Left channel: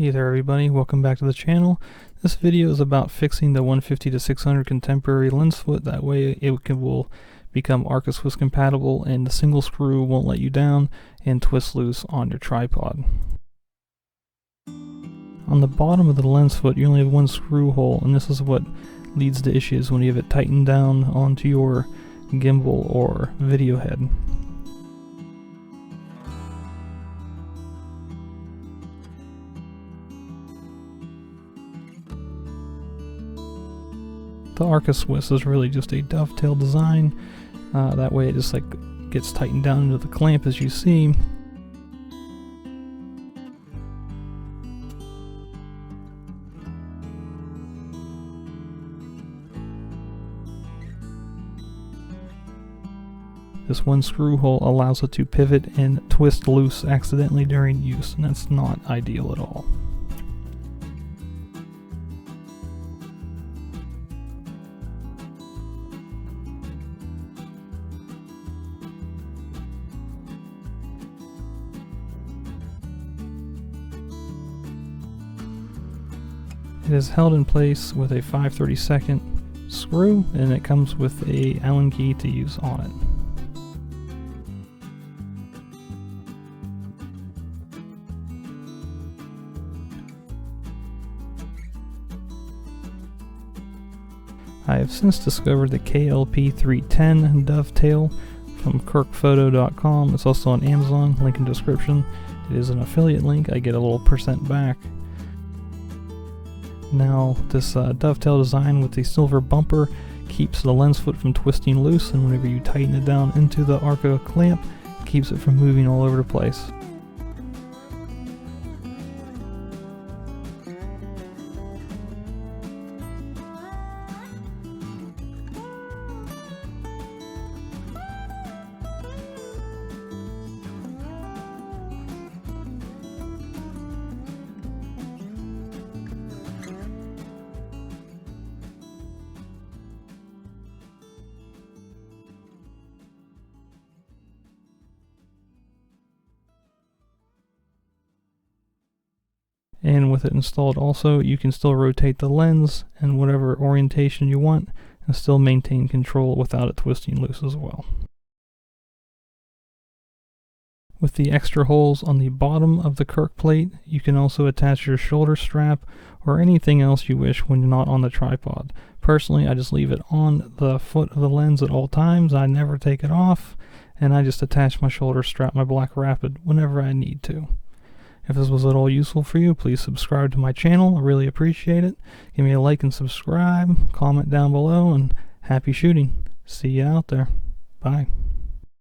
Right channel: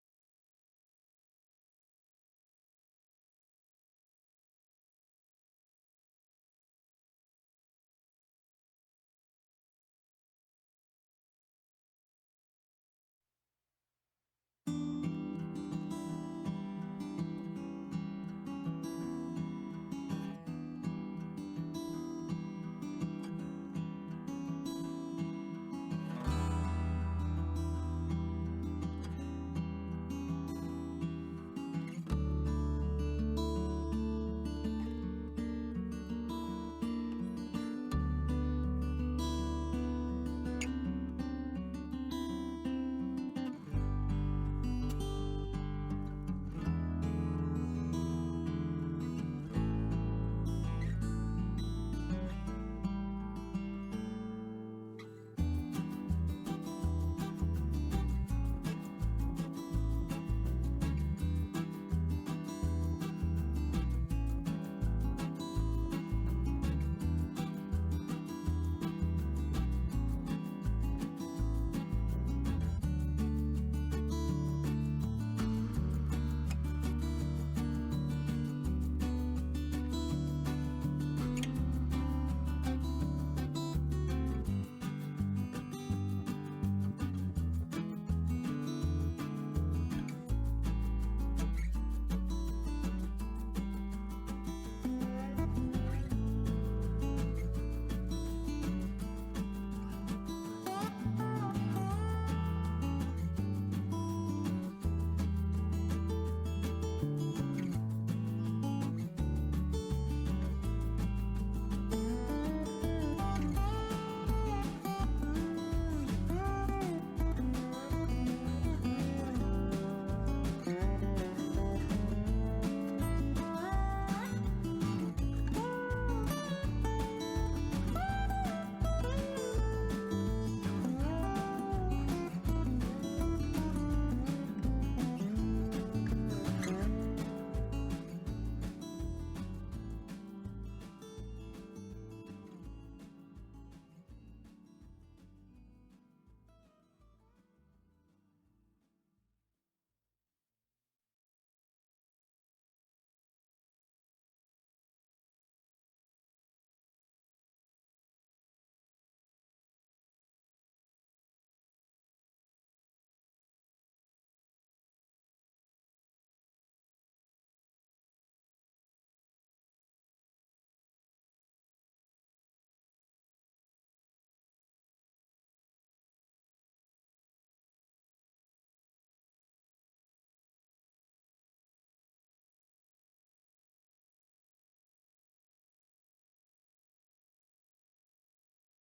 Hey there everybody, welcome back to the channel. This video is about fixing the 150 to 600 contemporary lens foot. That way will become Arca Swiss compatible and the single screw won't let you down and twist loose on your tripod. On the bottom of the lens foot you only have one screw hole, and this is what leads to issues when you have it tightened down onto your gimbal or video head. The Arca Swiss is really just a dovetail design. That way it just gets tightened down into the clamp as you see. This one screw hole allows it to pivot and twist loose accidentally during use, and that's not ideal at all. It is held in place with a 5/32 screw, and it comes with a Allen key to use on it. I have since discovered the KLP310 dovetail from kirkphoto.com. It's also on Amazon, link in description. It is an affiliate link, I get a little % back. Now this dovetail design with the silver bumper keeps the lens foot from twisting loose, and whenever you tighten it down into the Arca clamp, it keeps it from moving all over the place. And with it installed also, you can still rotate the lens in whatever orientation you want and still maintain control without it twisting loose as well. With the extra holes on the bottom of the Kirk plate, you can also attach your shoulder strap or anything else you wish when you're not on the tripod. Personally, I just leave it on the foot of the lens at all times. I never take it off, and I just attach my shoulder strap, my Black Rapid, whenever I need to. If this was at all useful for you, please subscribe to my channel. I really appreciate it. Give me a like and subscribe, comment down below, and happy shooting. See you out there. Bye.